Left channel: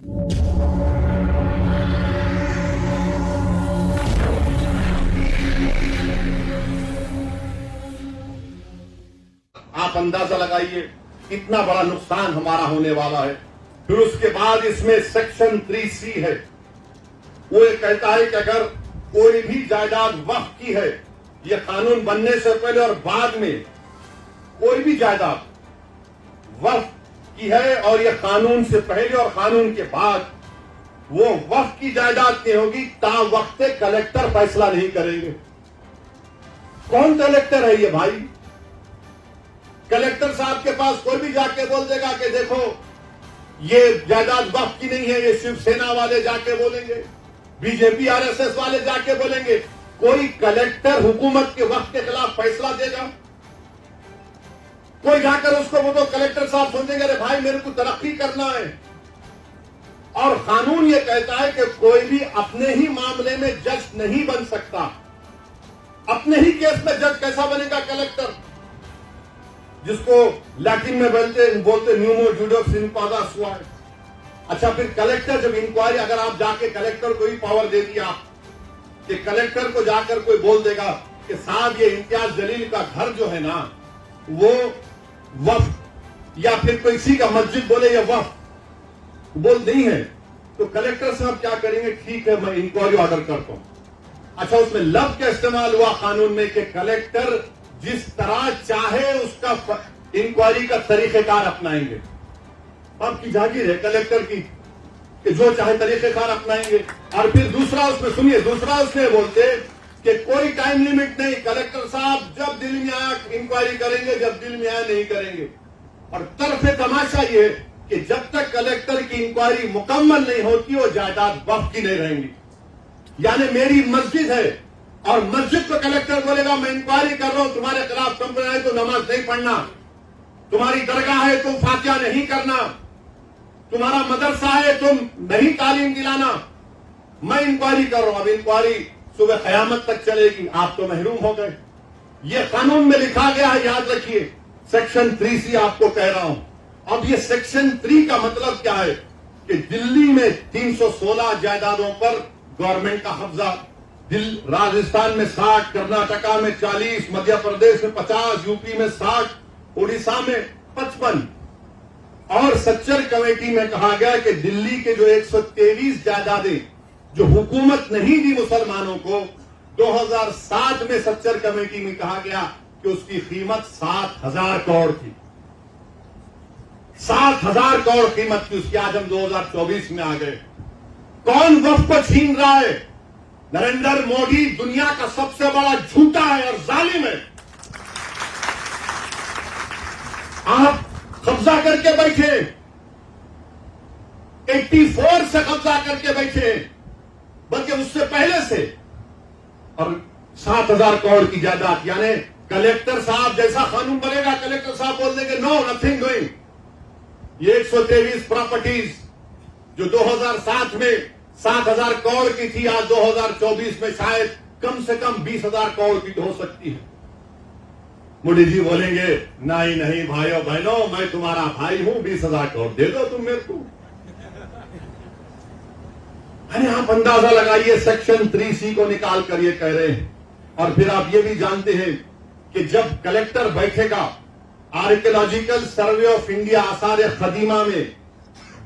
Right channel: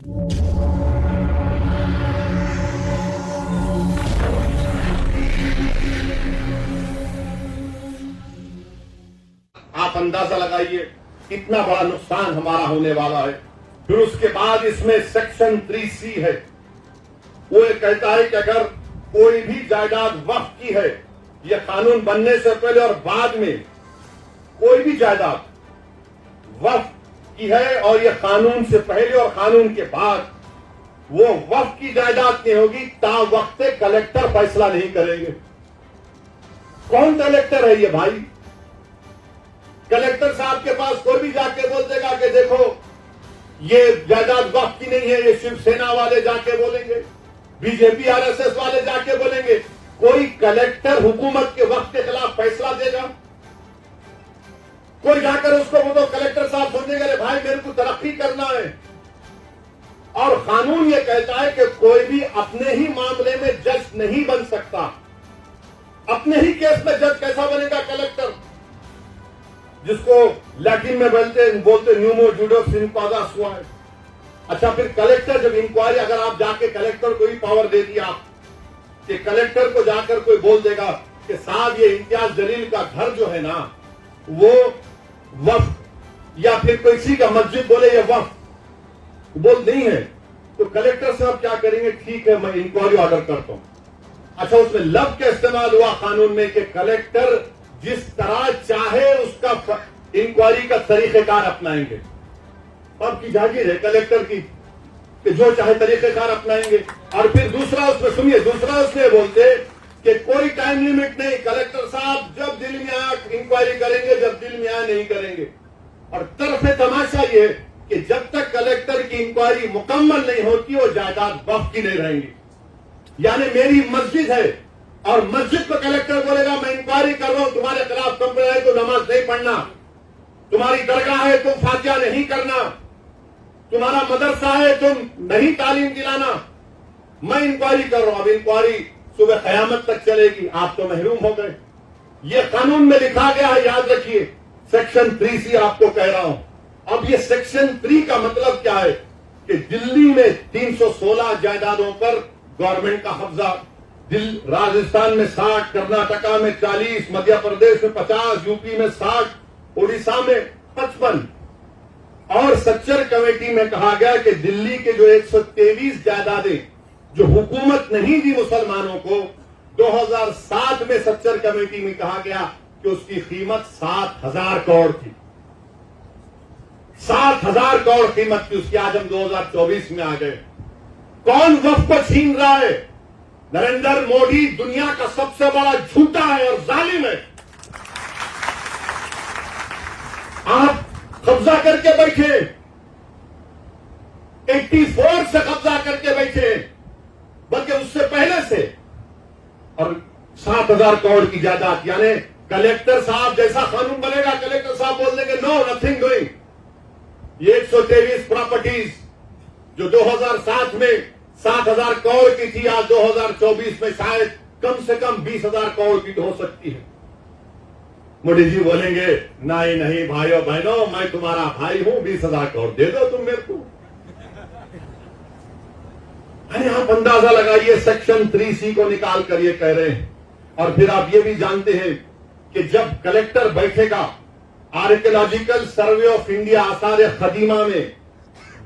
आप अंदाजा लगाइए कितना बड़ा नुकसान हमारा होने वाला है। फिर उसके बाद इसमें सेक्शन 3C है। वो ये कहता है कि अगर कोई भी जायदाद वक्फ की है, ये कानून बनने से पहले और बाद में कोई भी जायदाद वक्फ की है और ये कानून से पहले और कानून के बाद वो वक्फ की जायदाद नहीं होगी, ता वक्त कलेक्टर फैसला नहीं करेंगे। कौन कलेक्टर है ये भाई? कलेक्टर साहब के पास कोई भी जाके बोल देगा कि देखो ये जायदाद वक्फ की नहीं है, ये शिवसेना वाले जाके बोलेंगे, बीजेपी आरएसएस वाले जाके बोलेंगे। कोई कलेक्टर हुकूमत के वक्त के खिलाफ फैसला देगा? कोई जाकर उसको वो तो कलेक्टर साहब समझेंगे अरे भाई मेरे को तरक्की करना है। और कानून ये कहता है कि कोई भी अपने ही मामले में जज नहीं बन सकता। अपने ही केस में जज कैसा बनेगा कलेक्टर? जिसको लैटिन में बोलते न्यूमो जुडोक्स इन पादा सुआ। अच्छा, फिर कलेक्टर जब इंक्वायरी, अगर आप जाके कलेक्टर को ही पावर दे दिया कि कलेक्टर को जाकर कोई बोल देगा कि साहब ये इम्तियाज जलील का घर जो है ना वो वक्फ, या फिर किसी का मस्जिद बोले ये वक्फ बोल नहीं है, तो कलेक्टर साहब क्या करेंगे? ठीक है मैं इंक्वायरी ऑर्डर करता हूं। अच्छा, उसमें लफ्ज का इस्तेमाल हुआ कानून में कि कलेक्टर जिस तरह चाहे उसका इंक्वायरी का तरीकेकार अपनाएंगे। आपकी जागीर है कलेक्टर की कि जो चाहे तरीकेकार अपनाएंगे। और फिर दूसरा उसमें सुनिए, दूसरा उसमें बोलते कि कोई टाइम लिमिट नहीं, कलेक्टर साहब जब दिल में आया इंक्वायरी करेंगे, जब दिल में आया नहीं करेंगे। और तरफ तमाशा ये कि जब तक कलेक्टर की इंक्वायरी मुकम्मल नहीं होती वो जायदाद वक्फ की नहीं रहेंगी। यानी मेरी मस्जिद है और मस्जिद को कलेक्टर बोलेगा मैं इंक्वायरी कर रहा हूं, तुम्हारे खिलाफ कंप्लेंट है तो नमाज नहीं पढ़ना, तुम्हारी दरगाह है तुम फातिहा नहीं करना, तुम्हारा मदरसा है तुम नहीं तालीम दिलाना, मैं इंक्वायरी कर रहा हूं। अब इंक्वायरी सुबह कयामत तक चलेगी, आप तो महरूम हो गए। ये कानून में लिखा गया है, याद रखिए। सेक्शन 3C आपको कह रहा हूं। अब ये सेक्शन 3 का मतलब क्या है कि दिल्ली में 316 जायदादों पर गवर्नमेंट का कब्जा, राजस्थान में 60, कर्नाटका में 40, मध्य प्रदेश में 50, यूपी में 60, उड़ीसा में 55। और सच्चर कमेटी में कहा गया कि दिल्ली के जो 123 जायदादें जो हुकूमत नहीं दी मुसलमानों को, 2007 में सच्चर कमेटी में कहा गया कि उसकी कीमत 7,000 करोड़ थी। 7,000 करोड़ कीमत थी उसकी। आज हम 2024 में आ गए। कौन वक्फ को छीन रहा है? नरेंद्र मोदी दुनिया का सबसे बड़ा झूठा है और जालिम है। आप कब्जा करके बैठे, 84 से कब्जा करके बैठे, बल्कि उससे पहले से। और 7,000 करोड़ की जायदाद, यानी कलेक्टर साहब जैसा कानून बनेगा, कलेक्टर साहब बोल देंगे नो नथिंग डूइंग। ये 123 प्रॉपर्टीज जो 2007 में 7,000 करोड़ की थी, आज 2024 में शायद कम से कम 20,000 करोड़ की हो सकती है। मोदी जी बोलेंगे नहीं नहीं भाइयों बहनों, मैं तुम्हारा भाई हूं, 20,000 करोड़ दे दो तुम मेरे को। अरे आप अंदाजा लगाइए, सेक्शन 3C को निकाल कर ये कह रहे हैं। और फिर आप ये भी जानते हैं कि जब कलेक्टर बैठेगा, आर्कियोलॉजिकल सर्वे ऑफ इंडिया आसार कदीमा में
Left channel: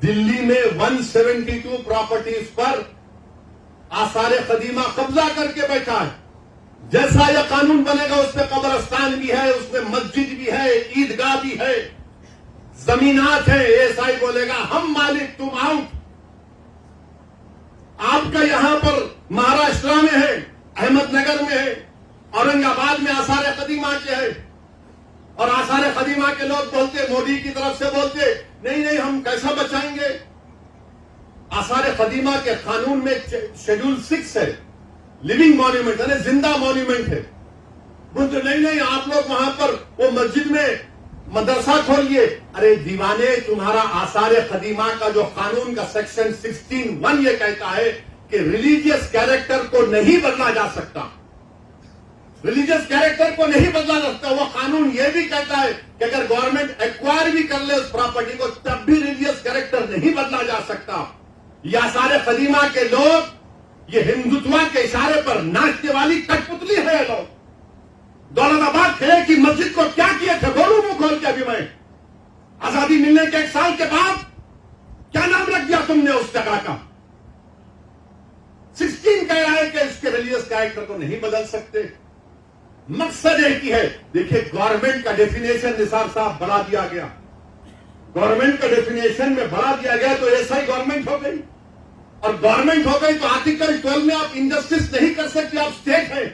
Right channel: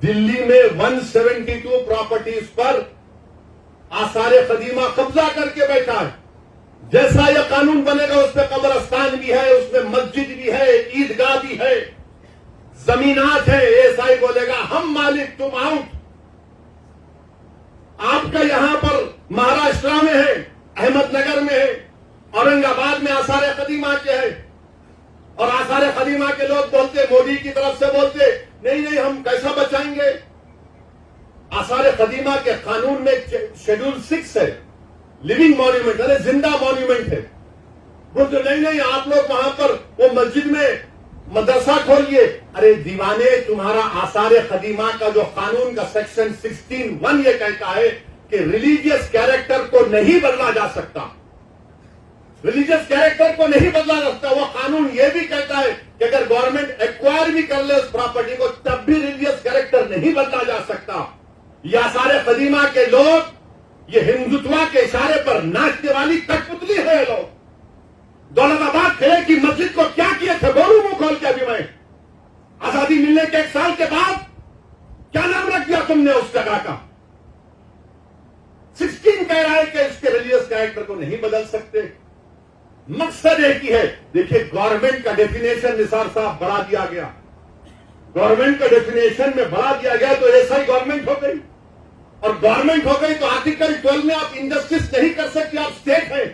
दिल्ली में 172 प्रॉपर्टीज पर आसार कदीमा कब्जा करके बैठा है। जैसा यह कानून बनेगा उसमें कब्रस्तान भी है, उसमें मस्जिद भी है, ईदगाह भी है, जमीनात है। एसआई बोलेगा हम मालिक तुम आउट। आपका यहां पर महाराष्ट्र में है, अहमदनगर में है, औरंगाबाद में आसार कदीमा के है। और आसार कदीमा के लोग बोलते, मोदी की तरफ से बोलते नहीं नहीं हम कैसा बचाएंगे। आसार कदीमा के कानून में शेड्यूल 6 है, लिविंग मॉन्यूमेंट है, जिंदा मॉन्यूमेंट है। बोलते नहीं नहीं आप लोग वहां पर वो मस्जिद में मदरसा खोलिए। अरे दीवाने, तुम्हारा आसार कदीमा का जो कानून का सेक्शन 16(1) ये कहता है कि रिलीजियस कैरेक्टर को नहीं बदला जा सकता। रिलीजियस कैरेक्टर को नहीं बदला जा सकता। वो कानून ये भी कहता है कि अगर गवर्नमेंट एक्वायर भी कर ले उस प्रॉपर्टी को, तब भी रिलीजियस कैरेक्टर नहीं बदला जा सकता। ये आसार कदीमा के लोग, ये हिंदुत्व के इशारे पर नाचने वाली कठपुतली है ये लोग। दौलताबाद किले की मस्जिद को क्या किए थे, बोलूं मुंह खोल के अभी मैं। आजादी मिलने के 1 साल के बाद क्या नाम रख दिया तुमने उस जगह का? 16 कह रहा है कि इसके रिलीजियस कैरेक्टर को नहीं बदल सकते। मकसद एक ही है। देखिए, गवर्नमेंट का डेफिनेशन निसार साहब बढ़ा दिया गया। गवर्नमेंट का डेफिनेशन में बढ़ा दिया गया तो ऐसा ही गवर्नमेंट हो गई, और गवर्नमेंट हो गई तो आर्टिकल 12 में आप इंजस्टिस नहीं कर सकते, आप स्टेट है।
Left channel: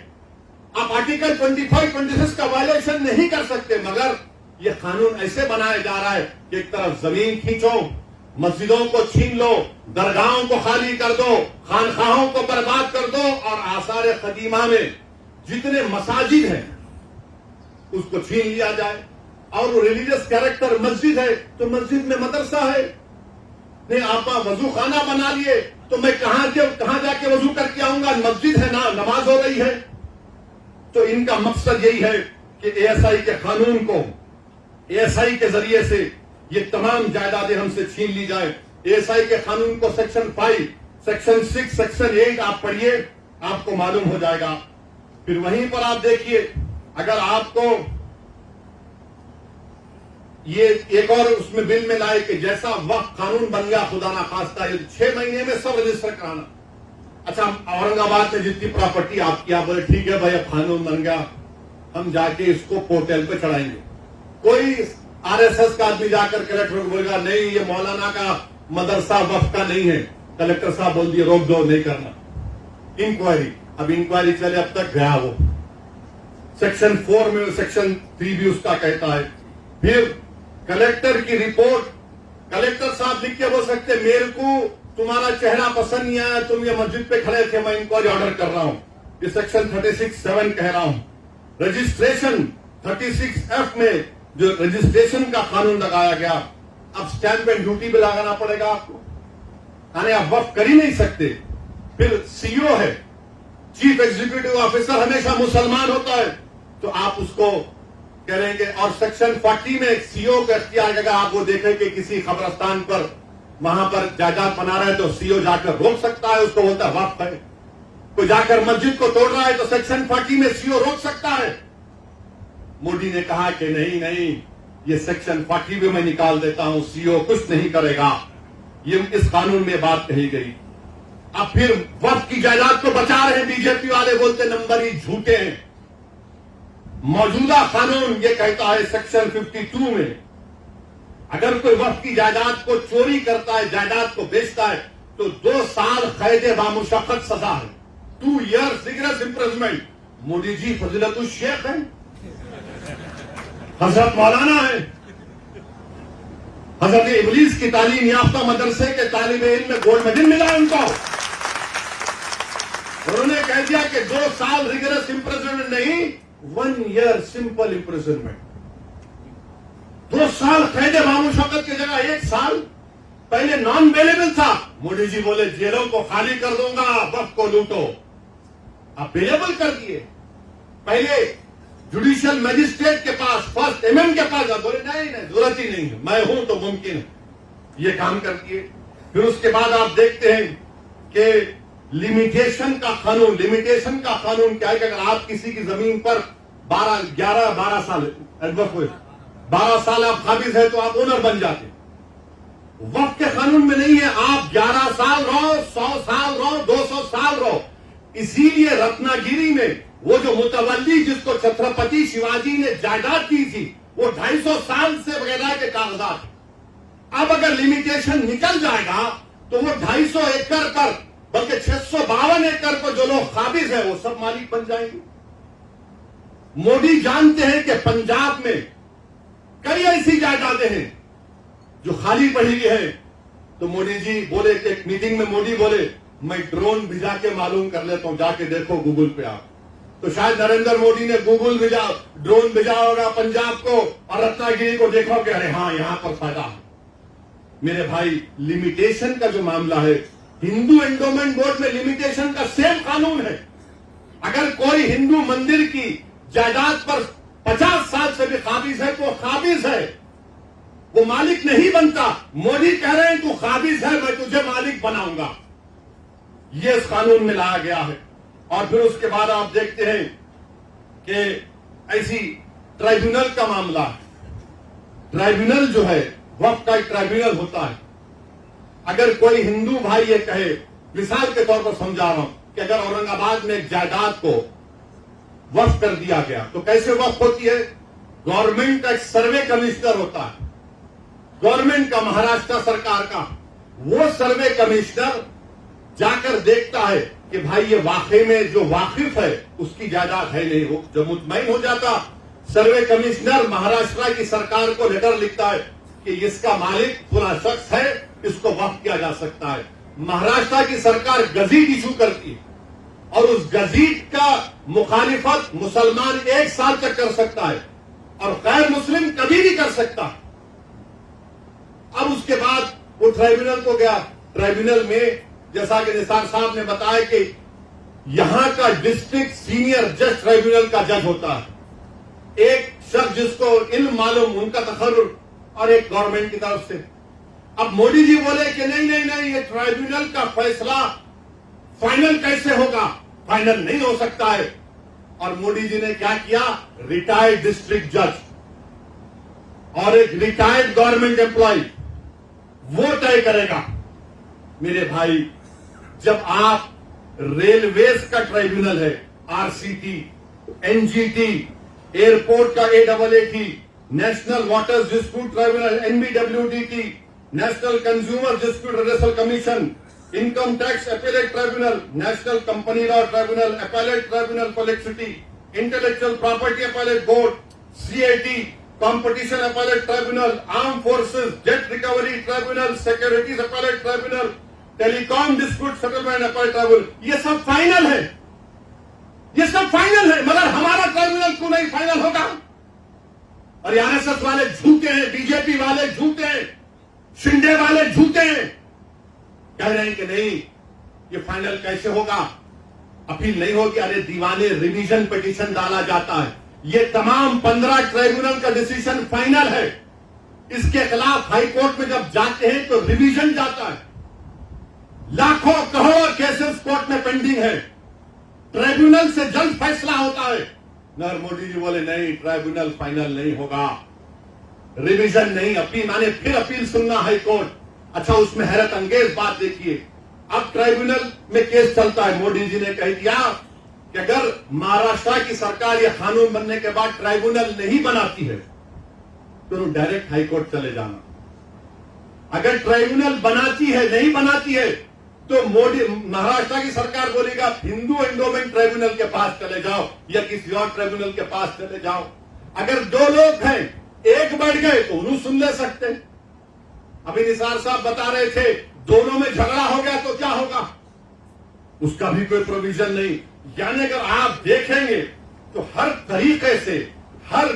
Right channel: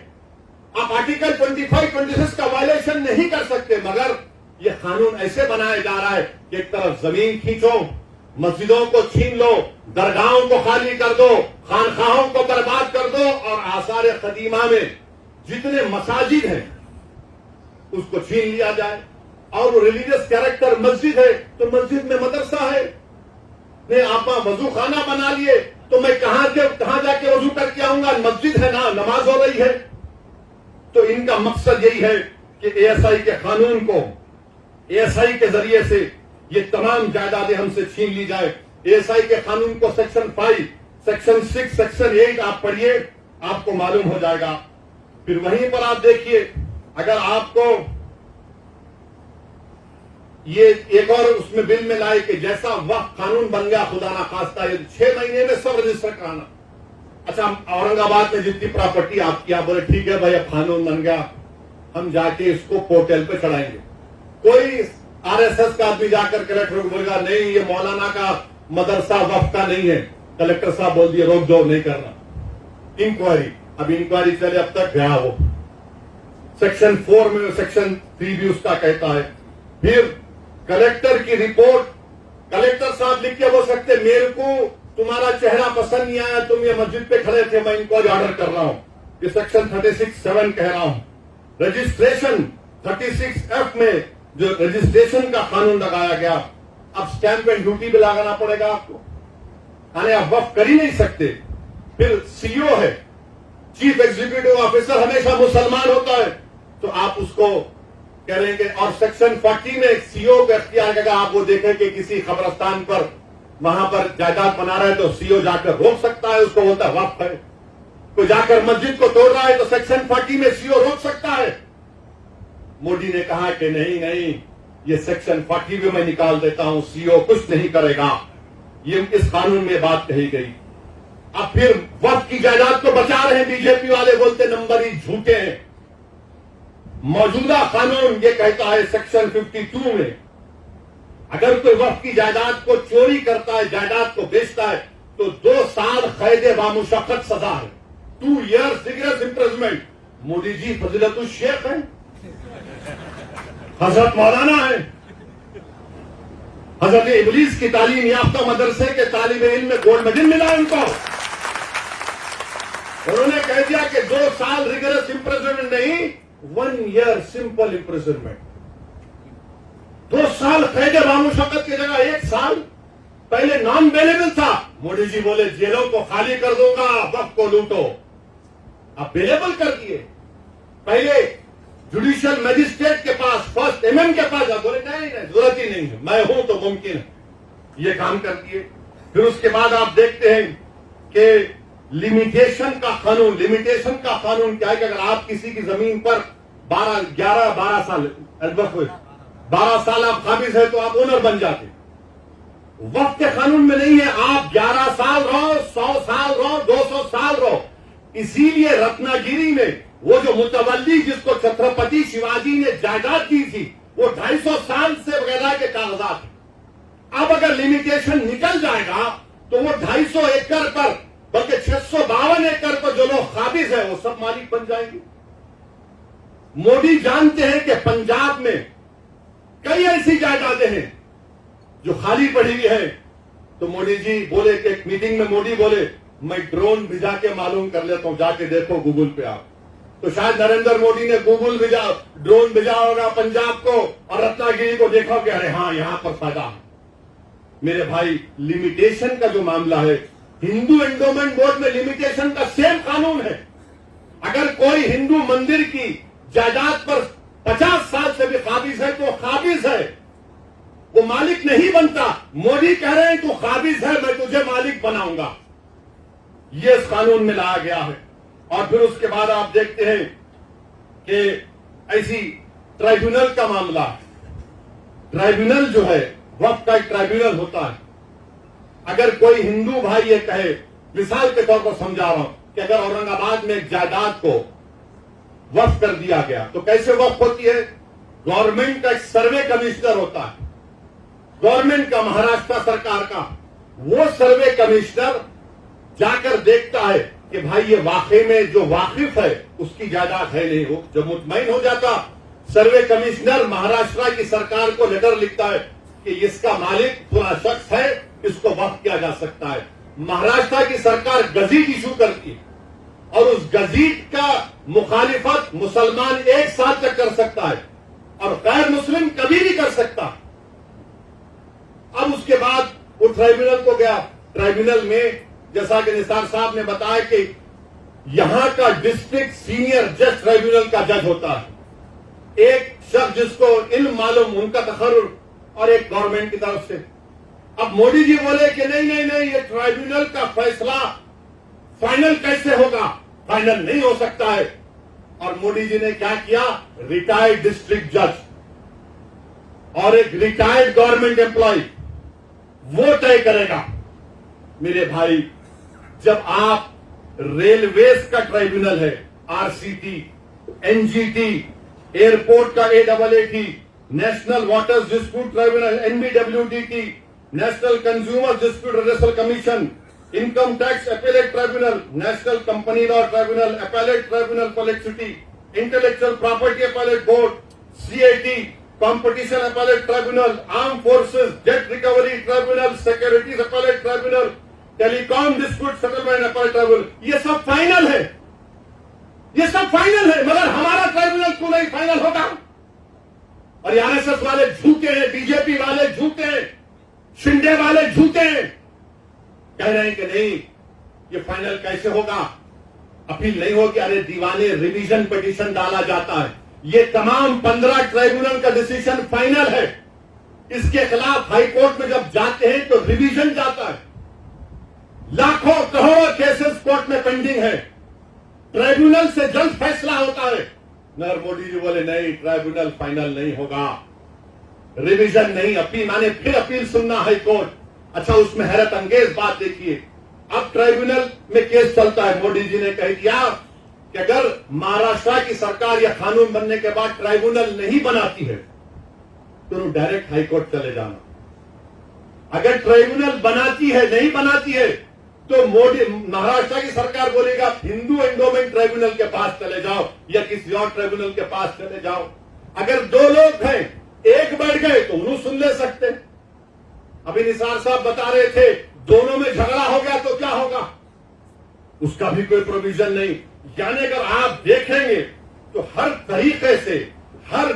आप आर्टिकल 25, 26 का वायलेशन नहीं कर सकते। मगर यह कानून ऐसे बनाया जा रहा है कि एक तरफ जमीन खींचो, मस्जिदों को छीन लो, दरगाहों को खाली कर दो, खानखाहों को बर्बाद कर दो, और आसार कदीमा में जितने मसाजिद हैं उसको छीन लिया जाए। और वो रिलीजियस कैरेक्टर मस्जिद है तो मस्जिद में मदरसा है। ने आप वजू खाना बना लिए तो मैं कहां जाके वजू करके आऊंगा? मस्जिद है ना, नमाज हो रही है। तो इनका मकसद यही है कि एएसआई के कानून को, एएसआई के जरिए से ये तमाम जायदादें हमसे छीन ली जाए। एएसआई के कानून को सेक्शन 5, सेक्शन 6, सेक्शन 8 आप पढ़िए, आपको मालूम हो जाएगा। फिर वहीं पर आप देखिए, अगर आपको ये एक और उसमें बिल में लाए कि जैसा वक्त कानून बन गया, खुदा ना खास्ता, ये 6 महीने में सब रजिस्टर कराना। अच्छा, औरंगाबाद में जितनी प्रॉपर्टी आपकी, आप बोले ठीक है भाई, कानून बन गया, हम जाके इसको पोर्टल पे चढ़ाएंगे। कोई आरएसएस का आदमी जाकर कलेक्टर को बोलेगा नहीं, ये मौलाना का मदरसा वक्फ का नहीं है। कलेक्टर साहब बोल दिए रोक दो, नहीं करना इंक्वायरी। अब इंक्वायरी चले, अब तक गया वो सेक्शन 4 में, सेक्शन 3 भी उसका कहता है। फिर कलेक्टर की रिपोर्ट, कलेक्टर साहब लिख के बोल सकते मेरे को तुम्हारा चेहरा पसंद नहीं आया, तुम ये मस्जिद पे खड़े थे, मैं इंक्वायरी ऑर्डर कर रहा हूं। ये सेक्शन 36(7) कह रहा हूं। रजिस्ट्रेशन 36(f) में जो रजिस्ट्रेशन का कानून लगाया गया, अब स्टैंप एंड ड्यूटी भी लगाना पड़ेगा आपको, यानी आप वक्फ कर ही नहीं सकते। फिर सीओ है, चीफ एग्जीक्यूटिव ऑफिसर, हमेशा मुसलमान होता है तो आप उसको करेंगे। और सेक्शन 40 में सीओ का इख्तियार अगर आप वो देखें कि किसी कब्रिस्तान पर वहां पर जायदाद बना रहा है तो सीओ जाकर रोक सकता है, उसको बोलता है वक्फ है। कोई जाकर मस्जिद को तोड़ रहा है तो सेक्शन 40 में सीओ रोक सकता है। मोदी ने कहा कि नहीं, ये सेक्शन 40 भी मैं निकाल देता हूं, सीओ कुछ नहीं करेगा। ये इस कानून में बात कही गई। अब फिर वक्फ की जायदाद को बचा रहे हैं बीजेपी वाले, बोलते नंबर ही झूठे हैं। मौजूदा कानून ये कहता है सेक्शन 52 में, अगर कोई वक्फ की जायदाद को चोरी करता है, जायदाद को बेचता है, तो 2 साल कैद बामुशक्कत सजा है, 2 years rigorous imprisonment. Modi ji फजीलतुल Sheikh है, हजरत मौलाना है, हजरत इबलीस की तालीम याफ्ता मदरसे के तालिब इल्म में गोल्ड मेडल मिला उनको। उन्होंने कह दिया कि 2 साल रिगरस इम्प्रिजनमेंट नहीं, 1 year सिंपल इम्प्रिजनमेंट। 2 साल कैद बामुशक्कत की जगह 1 साल पहले नॉन बेलेबल था। मोदी जी बोले जेलों को खाली कर दूंगा, वक्फ को लूटो। अब बेलेबल कर दिए। पहले जुडिशियल मजिस्ट्रेट के पास, फर्स्ट एमएम के पास, बोले नहीं जरूरत ही नहीं है, मैं हूं तो मुमकिन है, ये काम कर दिए। फिर उसके बाद आप देखते हैं कि लिमिटेशन का कानून क्या है कि अगर आप किसी की जमीन पर 12 साल 12 साल आप काबिज है तो आप ओनर बन जाते। वक्त के कानून में नहीं है, आप 11 साल रहो, 100 साल रहो, 200 साल रहो। इसीलिए रत्नागिरी में वो जो मुतवल्ली जिसको छत्रपति शिवाजी ने जायदाद दी थी, वो 250 साल से बगैर के कागजात। अब अगर लिमिटेशन निकल जाएगा तो वो 250 एकड़ पर, बल्कि 652 एकड़ पर जो लोग काबिज है वो सब मालिक बन जाएंगे। मोदी जानते हैं कि पंजाब में कई ऐसी जायदादें हैं जो खाली पड़ी हुई है। तो मोदी जी बोले कि एक मीटिंग में मोदी बोले मैं ड्रोन भिजा के मालूम कर लेता हूं, जाके देखो गूगल पे आप। तो शायद नरेंद्र मोदी ने ड्रोन भेजा होगा पंजाब को और रत्नागिरी को, देखो कि अरे हाँ यहां पर फायदा। मेरे भाई, लिमिटेशन का जो मामला है, हिंदू एंडोमेंट बोर्ड में लिमिटेशन का सेम कानून है। अगर कोई हिंदू मंदिर की जायदाद पर 50 साल से भी काबिज है तो काबिज है। वो मालिक नहीं बनता। मोदी कह रहे हैं तू काबिज है, मैं तुझे मालिक बनाऊंगा। ये इस कानून में लाया गया है। और फिर उसके बाद आप देखते हैं कि ऐसी ट्राइब्यूनल का मामला, ट्राइब्यूनल जो है वक्फ का एक ट्राइब्यूनल होता है। अगर कोई हिंदू भाई ये कहे, मिसाल के तौर पर समझा रहा हूं कि अगर औरंगाबाद में एक जायदाद को वक्फ कर दिया गया तो कैसे वक्फ होती है? गवर्नमेंट का एक सर्वे कमिश्नर होता है, गवर्नमेंट का, महाराष्ट्र सरकार का। वो सर्वे कमिश्नर जाकर देखता है कि भाई ये वाकई में जो वाकिफ है उसकी जायदाद है नहीं हो। जब मुतमईन हो जाता, सर्वे कमिश्नर महाराष्ट्र की सरकार को लेटर लिखता है कि इसका मालिक पूरा शख्स है, इसको वक्फ किया जा सकता है। महाराष्ट्र की सरकार गजीट इशू करती है और उस गजीट का मुखालिफत मुसलमान 1 साल तक कर सकता है और गैर मुस्लिम कभी नहीं कर सकता। अब उसके बाद वो ट्राइब्यूनल को गया। ट्राइब्यूनल में जैसा कि निसार साहब ने बताया कि यहां का डिस्ट्रिक्ट सीनियर जज ट्राइब्यूनल का जज होता है, एक शख्स जिसको इल्म मालूम, उनका तखर्रुर, और एक गवर्नमेंट की तरफ से। अब मोदी जी बोले कि नहीं नहीं नहीं, ये ट्राइब्यूनल का फैसला फाइनल कैसे होगा? फाइनल नहीं हो सकता है। और मोदी जी ने क्या किया? रिटायर्ड डिस्ट्रिक्ट जज और एक रिटायर्ड गवर्नमेंट एम्प्लॉय वो तय करेगा। मेरे भाई, जब आप रेलवेज का ट्राइब्यूनल है, आरसीटी, एनजीटी, एयरपोर्ट का AWT, national water dispute tribunal NBWDT, national consumer dispute redressal commission, income tax appellate tribunal, national company law tribunal, appellate tribunal for electricity, intellectual property appellate board, CAT, competition appellate tribunal, arm forces debt recovery tribunal, securities appellate tribunal, telecom dispute settlement appellate tribunal. ये सब final है, ये सब final है, मगर हमारा tribunal क्यों नहीं फाइनल होगा? और आरएसएस वाले झूठे हैं, बीजेपी वाले झूठे हैं, शिंदे वाले झूठे हैं, कह रहे हैं कि नहीं ये फाइनल कैसे होगा? अपील नहीं होगी। अरे दीवाने, रिवीजन पिटीशन डाला जाता है। ये तमाम 15 ट्राइब्यूनल का डिसीजन फाइनल है। इसके खिलाफ हाईकोर्ट में जब जाते हैं तो रिवीजन जाता है। लाखों करोड़ केसेस कोर्ट में पेंडिंग है, ट्राइब्यूनल से जल्द फैसला होता है। मगर मोदी जी बोले नहीं, ट्राइब्यूनल फाइनल नहीं होगा, रिवीजन नहीं, अपील माने फिर अपील सुनना हाईकोर्ट। अच्छा, उसमें हैरत अंगेज बात देखिए, अब ट्राइब्यूनल में केस चलता है। मोदी जी ने कह दिया कि अगर महाराष्ट्र की सरकार यह कानून बनने के बाद ट्राइब्यूनल नहीं बनाती है तो तुम डायरेक्ट हाईकोर्ट चले जाना। अगर ट्राइब्यूनल बनाती है, नहीं बनाती है, तो मोदी, महाराष्ट्र की सरकार बोलेगा हिंदू एंडोमेंट ट्राइब्यूनल के पास चले जाओ या किसी और ट्राइब्यूनल के पास चले जाओ। अगर 2 लोग हैं, एक बढ़ गए तो उन्हें सुन ले सकते। अभी निसार साहब बता रहे थे, दोनों में झगड़ा हो गया तो क्या होगा? उसका भी कोई प्रोविजन नहीं। यानी अगर आप देखेंगे तो हर तरीके से, हर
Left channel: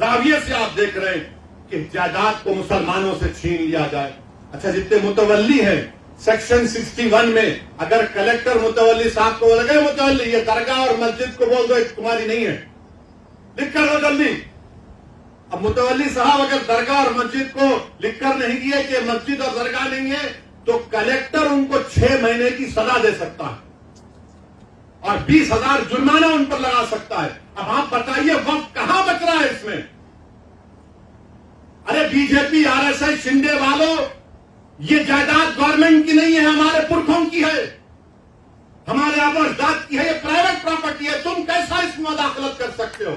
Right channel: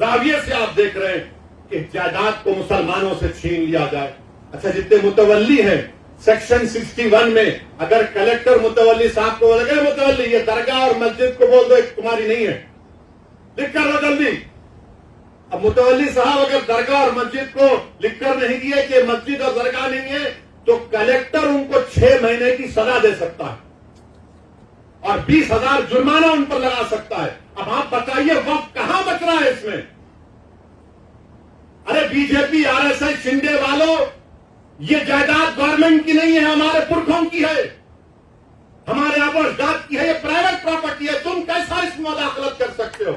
जाविये से आप देख रहे हैं कि जायदाद को मुसलमानों से छीन लिया जाए। अच्छा, जितने मुतवल्ली हैं, सेक्शन 61 में अगर कलेक्टर मुतवल्ली साहब को लगे, मुतवल्ली ये दरगाह और मस्जिद को बोल दो तुम्हारी नहीं है, लिख कर दो जल्दी। अब मुतवल्ली साहब अगर दरगाह और मस्जिद को लिखकर नहीं किए कि मस्जिद और दरगाह नहीं है, तो कलेक्टर उनको 6 महीने की सजा दे सकता है और 20,000 जुर्माना उन पर लगा सकता है। अब आप बताइए वक्त कहां बच रहा है इसमें? अरे बीजेपी, आरएसएस, शिंदे वालों, ये जायदाद गवर्नमेंट की नहीं है, हमारे पुरखों की है, हमारे आबो अजदाद की है, ये प्राइवेट प्रॉपर्टी है। तुम कैसा इसमें मुदाखलत कर सकते हो?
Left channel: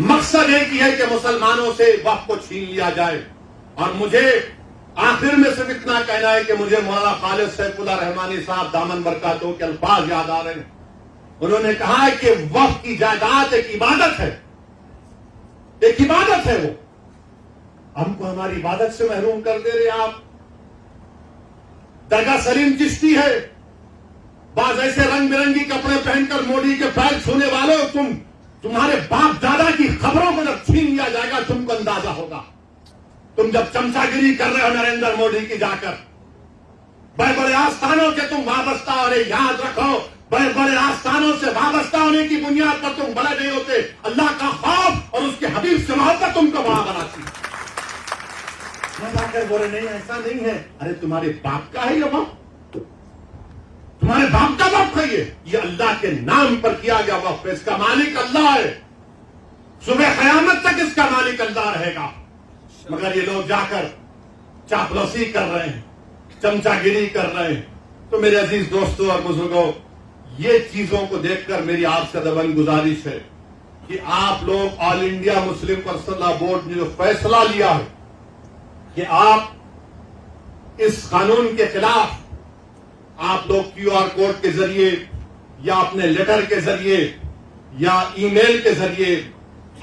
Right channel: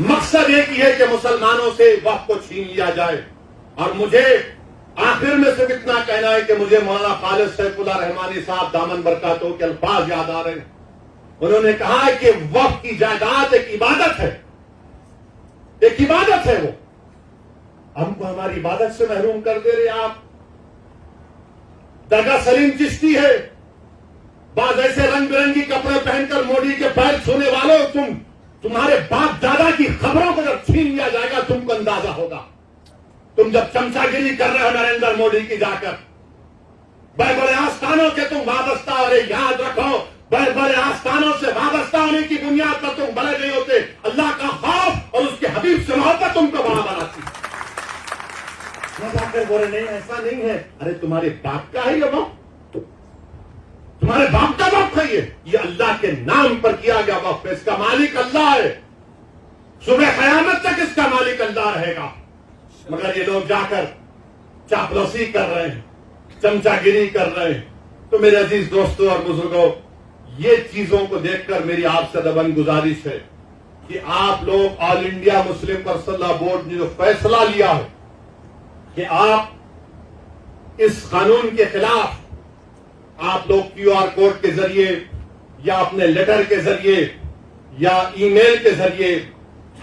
मकसद एक ही है कि मुसलमानों से वक्त को छीन लिया जाए। और मुझे आखिर में सिर्फ इतना कहना है कि मुझे मौलाना खालिद सैफुल्लाह रहमानी साहब दामन बरकातहू के अल्फाज याद आ रहे हैं। उन्होंने कहा है कि वक्त की जायदाद एक इबादत है, एक इबादत है। वो हमको हमारी इबादत से महरूम कर दे रहे आप। दरगाह सलीम चिश्ती है, बाज ऐसे रंग बिरंगी कपड़े पहनकर मोदी के पैर छूने वालों, तुम्हारे बाप दादा की खबरों को जब छीन लिया जाएगा तुमको अंदाजा होगा। तुम जब चमचागिरी कर रहे हो नरेंद्र मोदी की जाकर, बड़े बड़े आस्थानों के तुम वाबस्ता, अरे याद रखो, बड़े बड़े आस्थानों से वाबस्ता होने की बुनियाद पर तुम बड़े नहीं होते। अल्लाह का खौफ और उसके हबीब से मोहब्बत तुमको वहां बनाती। बोले नहीं ऐसा नहीं है। अरे तुम्हारे बाप का है ये वक्त, तुम्हारे बाप का वक्त है ये अल्लाह के नाम पर किया गया वक्त, इसका मालिक अल्लाह है। सुबह कयामत तक इसका मालिक अल्लाह रहेगा। मगर ये लोग जाकर चापलूसी कर रहे हैं, चमचागिरी कर रहे हैं। तो मेरे अजीज दोस्तों और बुजुर्गों, ये चीजों को देखकर मेरी आपसे दबंग गुजारिश है कि आप लोग all India Muslim personal board ने जो फैसला लिया है कि आप इस कानून के खिलाफ आप लोग क्यूआर कोड के जरिए या अपने लेटर के जरिए या ईमेल के जरिए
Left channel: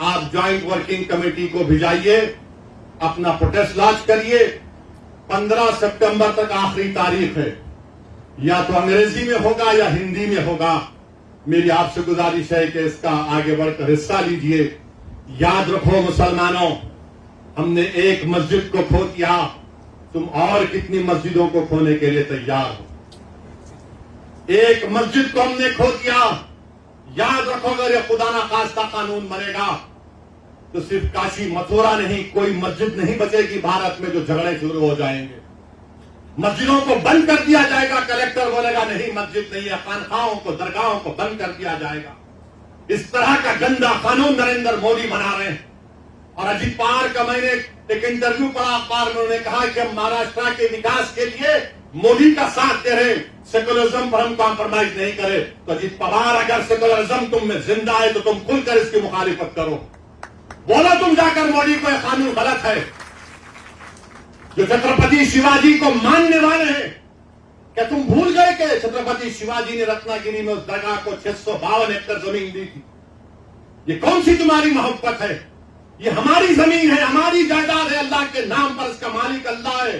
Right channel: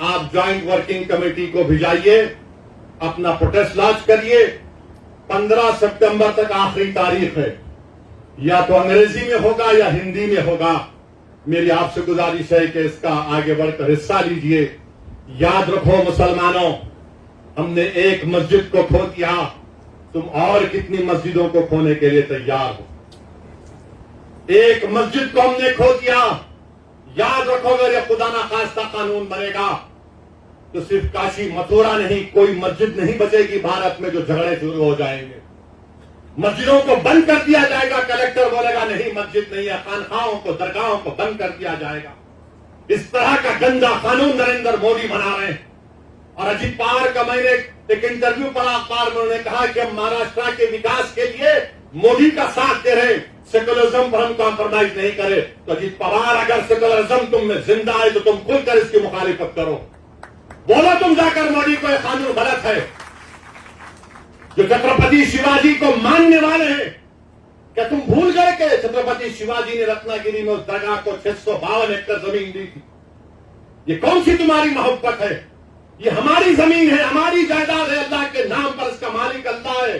आप ज्वाइंट वर्किंग कमेटी को भिजाइए, अपना प्रोटेस्ट लॉन्च करिए। 15 सितंबर तक आखिरी तारीख है, या तो अंग्रेजी में होगा या हिंदी में होगा। मेरी आपसे गुजारिश है कि इसका आगे बढ़कर हिस्सा लीजिए। याद रखो मुसलमानों, हमने एक मस्जिद को खो दिया, तुम और कितनी मस्जिदों को खोने के लिए तैयार हो। एक मस्जिद को हमने खो दिया। याद रखो, अगर ये खुदा ना खास्ता कानून बनेगा तो सिर्फ काशी मथुरा नहीं, कोई मस्जिद नहीं बचेगी भारत में जो झगड़े शुरू हो जाएंगे। मस्जिदों को बंद कर दिया जाएगा। कलेक्टर बोलेगा नहीं मस्जिद नहीं है, खानखाहों को दरगाहों को बंद कर दिया जाएगा। इस तरह का गंदा कानून नरेंद्र मोदी बना रहे हैं। और अजीत पवार का मैंने एक इंटरव्यू पढ़ा अखबार में, उन्होंने कहा कि हम महाराष्ट्र के विकास के लिए मोदी का साथ दे रहे, सेकुलरिज्म पर हम कॉम्प्रोमाइज नहीं करे। तो अजीत पवार, अगर सेकुलरिज्म तुम में जिंदा है तो तुम खुलकर इसकी मुखालिफत करो। बोलो तुम जाकर मोदी को यह कानून गलत है। जो छत्रपति शिवाजी को मानने वाले हैं, क्या तुम भूल गए कि छत्रपति शिवाजी ने रत्नागिरी में उस दरगाह को 652 एकड़ जमीन दी थी? ये कौन सी तुम्हारी मोहब्बत है? ये हमारी जमीन है, हमारी जायदाद है, अल्लाह के नाम पर इसका मालिक अल्लाह है।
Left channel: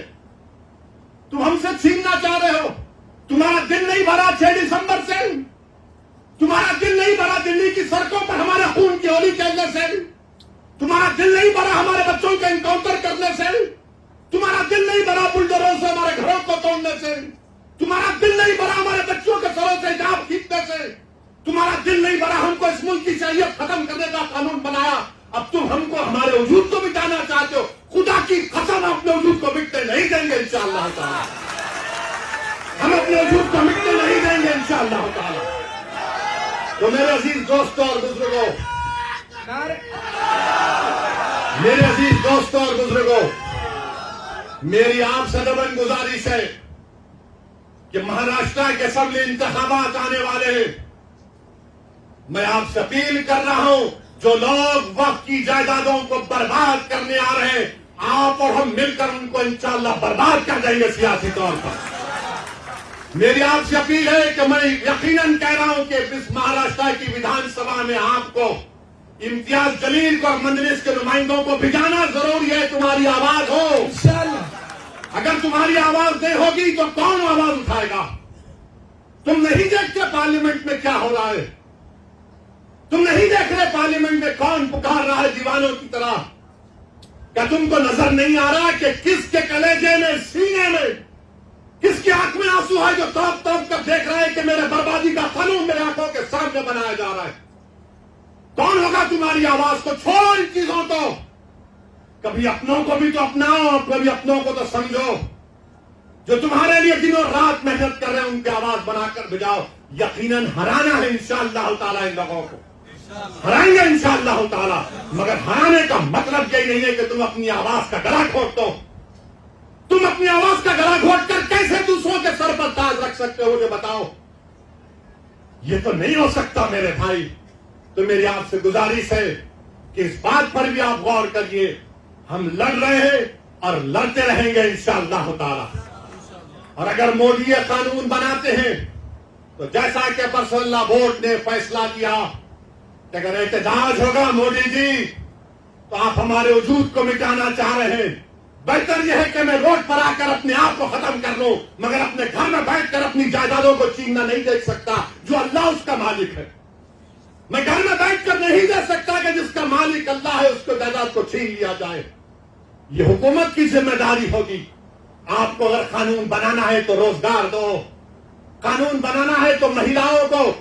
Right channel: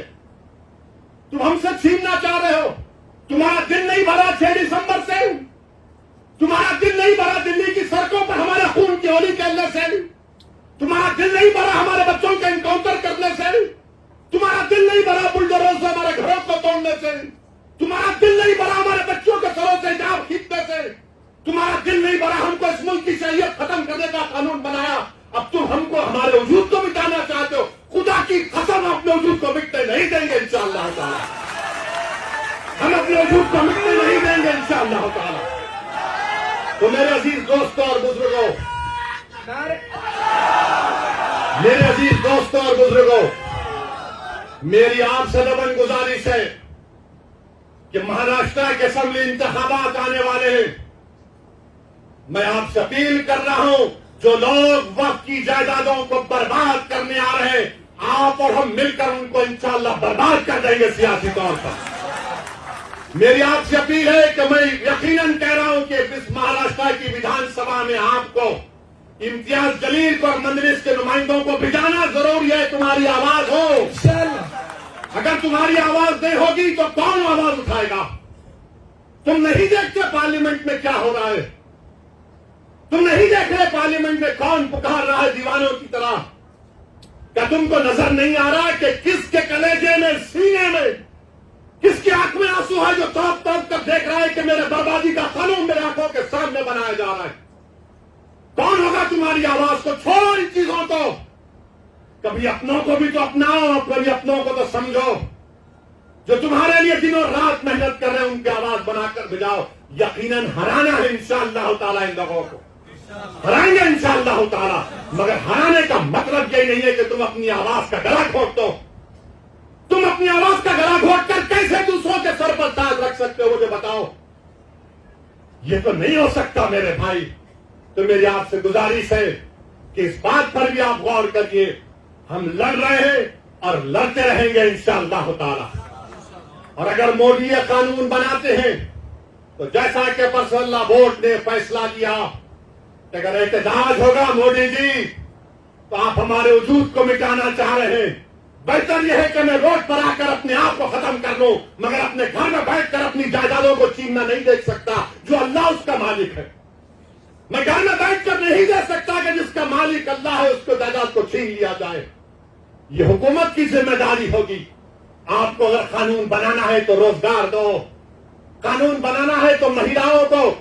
तुम हमसे छीनना चाह रहे हो। तुम्हारा दिल नहीं भरा 6 दिसंबर से? तुम्हारा दिल नहीं भरा दिल्ली की सड़कों पर हमारे खून की होली खेलने से? तुम्हारा दिल नहीं भरा हमारे बच्चों के इनकाउंटर करने से? तुम्हारा दिल नहीं भरा बुलडोजरों से हमारे घरों को तोड़ने से? तुम्हारा दिल नहीं भरा हमारे बच्चों के सरों से जाप खींचने से? तुम्हारा दिल नहीं भरा हमको इस मुल्क की शरीयत खत्म करने का कानून बनाया? अब तुम हमको हमारे वजूद को मिटाना चाहते हो। खुदा की कसम, अपने वजूद को मिटने नहीं देंगे इंशाअल्लाह ताला। हम अपने वजूद को मिटने नहीं देंगे इंशाअल्लाह ताला। तो मेरे अजीज दोस्तों और बुजुर्गों, मेरे अजीज दोस्तों और बुजुर्गों, मेरी आपसे दबंग गुजारिश है कि महाराष्ट्र के असेंबली इंतखाबात आने वाले हैं। मैं आपसे अपील कर रहा हूं, जो लोग वक्त की जायदादों को बर्बाद करने आ रहे हैं, आप और हम मिलकर उनको इंशाअल्लाह बर्बाद कर देंगे सियासी तौर पर। मेरी आपसे अपील है कि मैं यकीनन कह रहा हूं कि इस महाराष्ट्र की विधानसभा में आपको इम्तियाज जलील को और मजलिस के नुमाइंदों को भिजाना जरूरी है। तुम्हारी आवाज हो, अगर तुम्हारी आवाज नहीं होगी तो कौन आवाज उठाएगा? तुम नहीं देखते पार्लियामेंट में क्या हो रहा है? तुम नहीं देख रहे पार्लियामेंट में कौन पुकार रहा है दीवानों की तरह? क्या तुमको नजर नहीं आ रहा कि किसके कलेजे में, सीने में, किसकी आंख में आंसू है जो तौप तौप कर देख रहा है कि मेरे बर्बादी का कानून मेरे आंखों के सामने बनाया जा रहा है? कौन होगा तुम्हारी आवाज को? छोड़ो इन चीजों को। कभी अपनों को भी तो अपनाओ, कभी अपनों को तो समझो। जो तुम्हारे लिए दिनों रात मेहनत कर रहे हैं उनकी आवाज बनाकर भिजाओ। यकीनन हराना है इंशाअल्लाह ताला, इन लोगों को हराएंगे इंशाअल्लाह ताला। मगर हराने का मतलब यही नहीं है कि तुम अपनी आवाज का गला घोट दो। तुम अपनी आवाज का गला घोट कर कैसे दूसरों के सर पर ताज रख सकते हो, मुझे बताओ। ये तो नहीं हो सकता मेरे भाई। तो मेरी आपसे गुजारिश है कि इस बात पर भी आप गौर करिए। हम लड़ रहे हैं और लड़ते रहेंगे इंशाअल्लाह ताला। और अगर मोदी ये कानून बनाते हैं तो जैसा कि पर्सनल बोर्ड ने फैसला लिया कि अगर एहतजाज होगा मोदी जी तो आप हमारे वजूद को मिटाना चाह रहे हैं, बेहतर यह है कि मैं रोड पर आकर अपने आप को खत्म कर लूं, मगर अपने घर में बैठकर अपनी जायदादों को छीनना नहीं देख सकता जो अल्लाह उसका मालिक है। मैं घर में बैठकर नहीं दे सकता कि जिसका मालिक अल्लाह है उसको जायदाद को छीन लिया जाए। ये हुकूमत की जिम्मेदारी होगी। आपको अगर कानून बनाना है तो रोजगार दो, कानून बनाना है तो महिलाओं को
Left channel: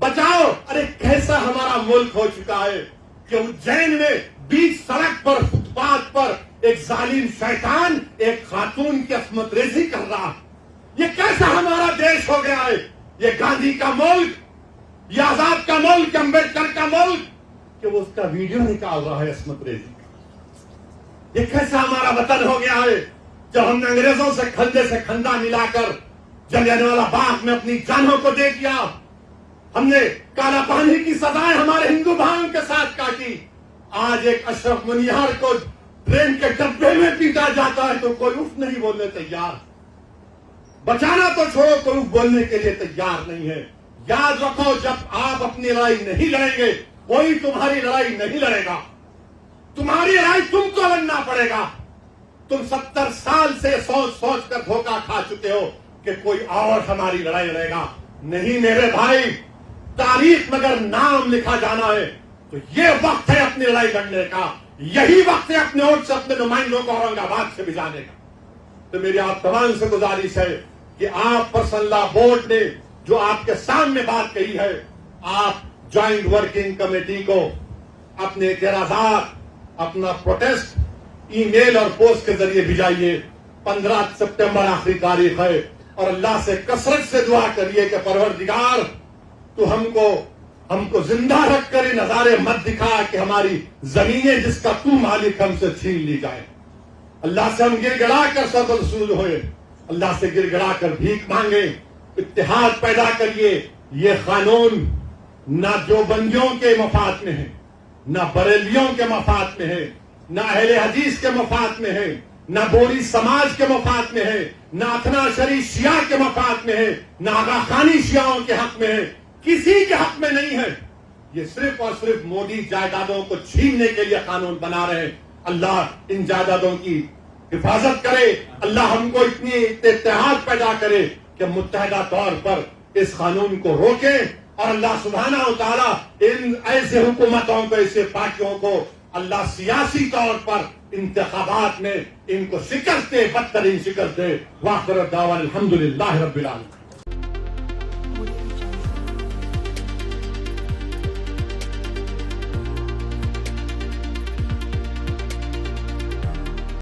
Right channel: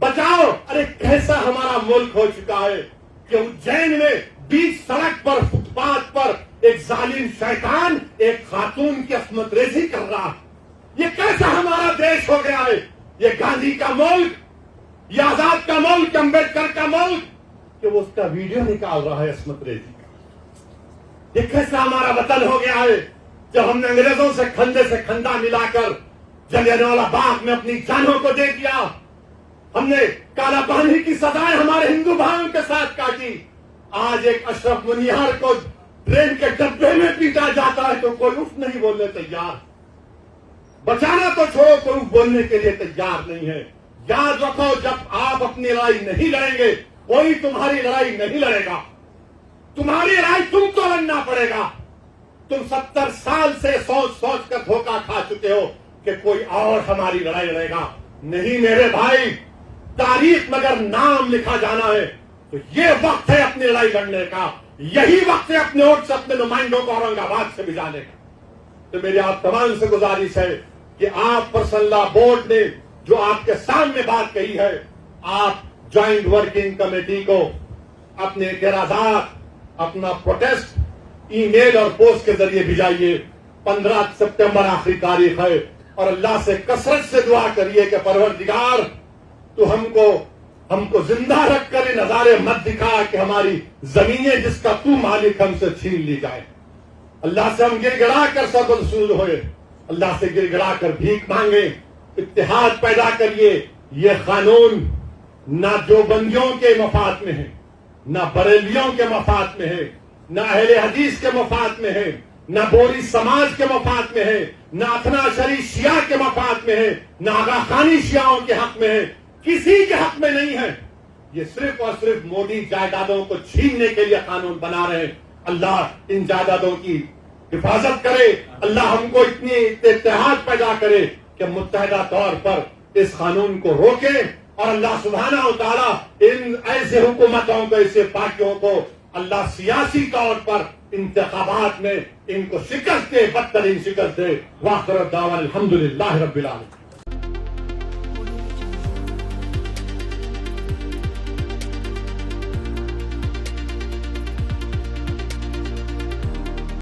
बचाओ। अरे कैसा हमारा मुल्क हो चुका है। कि उज्जैन में बीच सड़क पर फुटपाथ पर एक जालिम शैतान एक खातून की अस्मत रेजी कर रहा। ये कैसा हमारा देश हो गया है? ये गांधी का मुल्क, ये आजाद का मुल्क, अम्बेडकर का मुल्क, कि वो उसका वीडियो निकाल रहा है अस्मत रेजी का। ये कैसा हमारा वतन हो गया है? जब हमने अंग्रेजों से खंदा मिलाकर जलियांवाला बाग में अपनी जानों को दे दिया, हमने काला पानी की सजाएं हमारे हिंदू भाइयों के साथ काटी। आज एक अशरफ मुनियार को ट्रेन के डब्बे में पीटा जाता है तो कोई उफ नहीं बोलने तैयार। बचाना तो छोड़ो, कोई बोलने के लिए तैयार नहीं है। याद रखो, जब आप अपनी लड़ाई नहीं लड़ेंगे, कोई तुम्हारी लड़ाई नहीं लड़ेगा। तुम्हारी लड़ाई तुमको लड़ना पड़ेगा। तुम 70 साल से सोच कर धोखा खा चुके हो कि कोई और हमारी लड़ाई लड़ेगा। नहीं मेरे भाई, तारीख में अगर नाम लिखा जाना है तो ये वक्त है अपनी लड़ाई लड़ने का। यही वक्त है अपने वोट से अपने नुमाइंदों को औरंगाबाद से भिजाने का। तो मेरी आप तमाम से गुजारिश है कि आप पर्सनल लॉ बोर्ड ने जो आपके सामने बात कही है, आप ज्वाइंट वर्किंग कमेटी को अपने एतराजात, अपना प्रोटेस्ट ईमेल और पोस्ट के जरिए भिजाइए। 15 सितंबर आखिरी तारीख है और अल्लाह से कसरत से दुआ करिए कि परवरदिगार तो हमको जिंदा रखकर ये नजारे मत दिखा कि हमारी जमीनें जिसका तू मालिक हमसे छीन ली जाए। अल्लाह से हम गिड़गिड़ा कर सब रसूल हुए, अल्लाह से गिड़गिड़ा कर भीख मांगे, इत्तेहाद पैदा करिए। ये कानून ना देवबंदियों के मफाद में है, ना बरेलियों के मफाद में है, ना अहले हदीस के मफाद में है, ना बोरी समाज के मफाद में है, ना अथना शरी शिया के मफाद में है, ना आगा खानी शियाओं के हक में है, किसी के हक में नहीं है। ये सिर्फ और सिर्फ मोदी जायदादों को छीनने के लिए कानून बना रहे हैं। अल्लाह इन जायदादों की हिफाजत करे, अल्लाह हमको इतनी इत्तेहाद पैदा करे कि मुत्तहदा तौर पर इस कानून को रोके और अल्लाह सुब्हानहू तआला इन ऐसे हुकूमतों को, ऐसे पार्टियों को अल्लाह सियासी तौर पर इंतखाबात में इनको शिकस्त दे, बदतरीन शिकस्त दे। वाखिर दावा अल्हम्दुलिल्लाह रब्बिल आलमीन।